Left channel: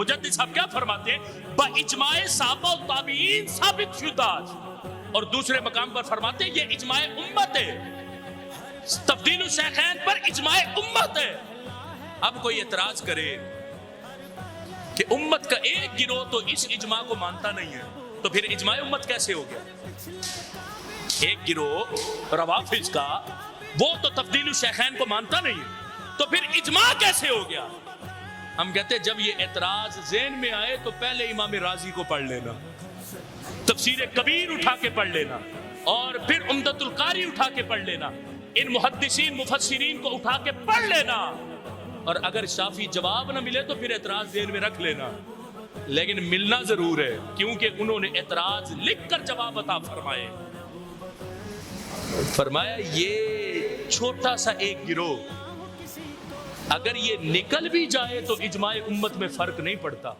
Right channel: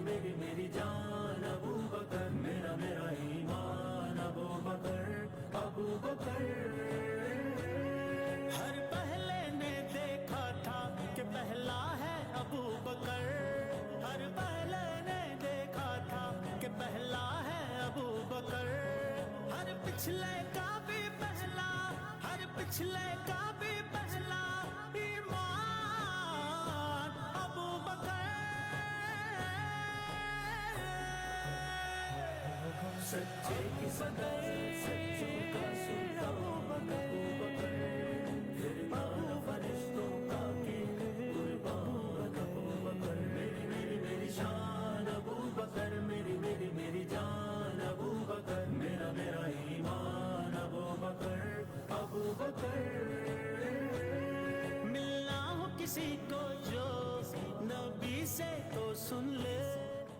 मुजद्दिद साहब क्या फरमाते हैं, बइजमाए सहाबा व ताबीन साबित शुदा, और दूसरे मकाम पर फरमाते हैं ये इजमाए उम्मत है, तब्दील शेखैन पर इजमाए उम्मत है। अब कोई एतराज करे कि उम्मत का एक गिरोह तो इस इजमा को मानता नहीं है, तो फिर इजमाए उम्मत कैसे होगा? एक गिरोह रवाफिज का वो तो तब्दील शेखैन को मानता नहीं है, तो फिर इजमा कैसे हो गया? हम कहते हैं जब ये एतराज ज़हन में आए तो पहले इमाम राजी को पढ़ लेना, तफसीर कबीर उठा के पढ़ लेना, और फिर उम्दतुल कारी उठा के पढ़ लेना, इन मुहद्दिसीन मुफस्सिरीन को उठा के पढ़ लेना, और अगर शाफी जवाब न मिले तो फिर एतराज ज़हन में रख लेना। लेकिन मिलना जरूर है, क्योंकि उन्होंने एतराज लिख कर जवाब अता फरमाए। फरमाया ये छोटा सा एक गिरोह अगर ये निकल भी जाए तो इजमाए उम्मत में फर्क नहीं पड़ता।